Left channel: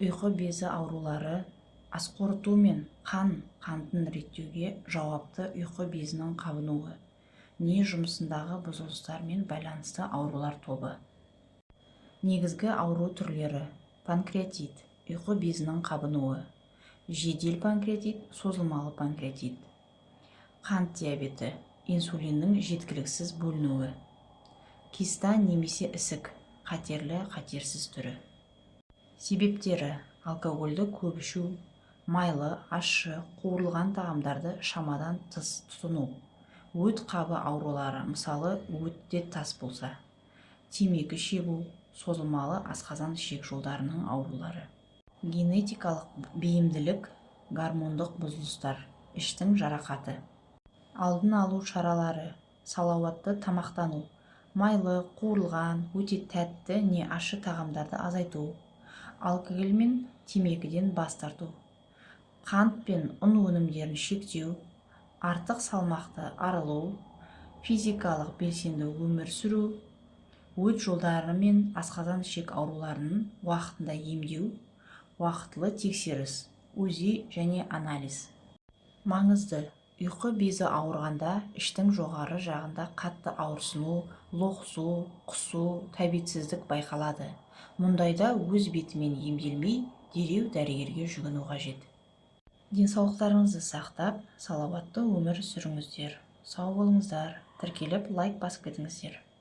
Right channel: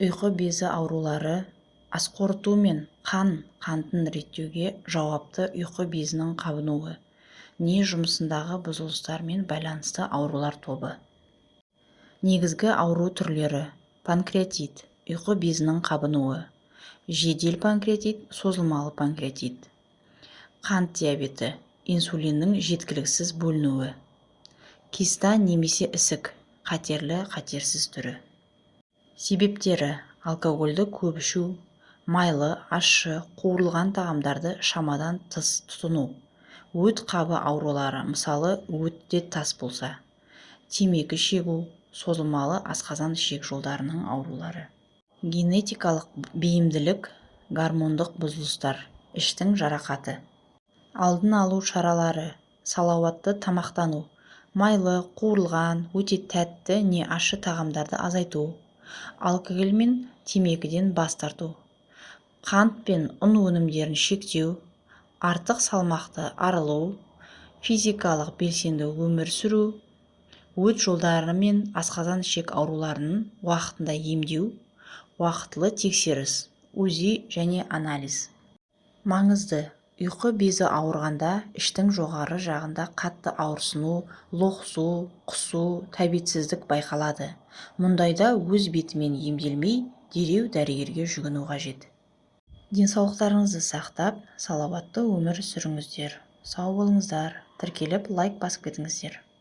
Ұйқы безі аурулары ас қорыту мен қантын реттеуге жауапты ұйқы безінің қабынуы, не жұмысындағы бұзылыстармен байланысты аурулар тобы. Негізгі ауру түрлері: панкреатит, ұйқы безінің қабынуы, жедел панкреатит, созылмалы панкреатит, қант диабеті, инсулиннің жеткіліксіз бөлінуі, киста немесе ісік, қатерлі қатерсіз түрі. Себептері: алкогольді көп ішу, майлы, ащы, қуырылған тағамдарды шамадан тыс тұтыну, өт қабы аурулары, мысалы өтте тас болса, темекі шегу, созылмалы асқазан ішек жолдарының аурулары. Генетикалық бейімділік, гормондық бұзылыстар, іштің жарақаты. Алдын алу шаралары: салауатты тамақтану, майлы, қуырылған, өте тәтті не ащы тағамдарды азайту, алкоголь мен темекіден бас тарту, қант пен ұн өнімдерін шектеу, артық салмақты арылу, физикалық белсенді өмір сүру, өт жолдары мен асқазан ішек ауруларының уақытында емдеу, уақытылы тексеріс, УЗИ және анализ. Маңызды: ұйқы безі ауырғанда іштің жоғары жағында қатты ауырсыну, лоқсу, құсу, тәбетсіздік байқалады. Мұндайда өз бетімен емделмей, дереу дәрігерге жүгіну қажет. Денсаулықтарыңызды сақтап, салауатты өмір сүріңіздер. Сау болыңыздар. Тіркеліп лайк басып кетіңіздер.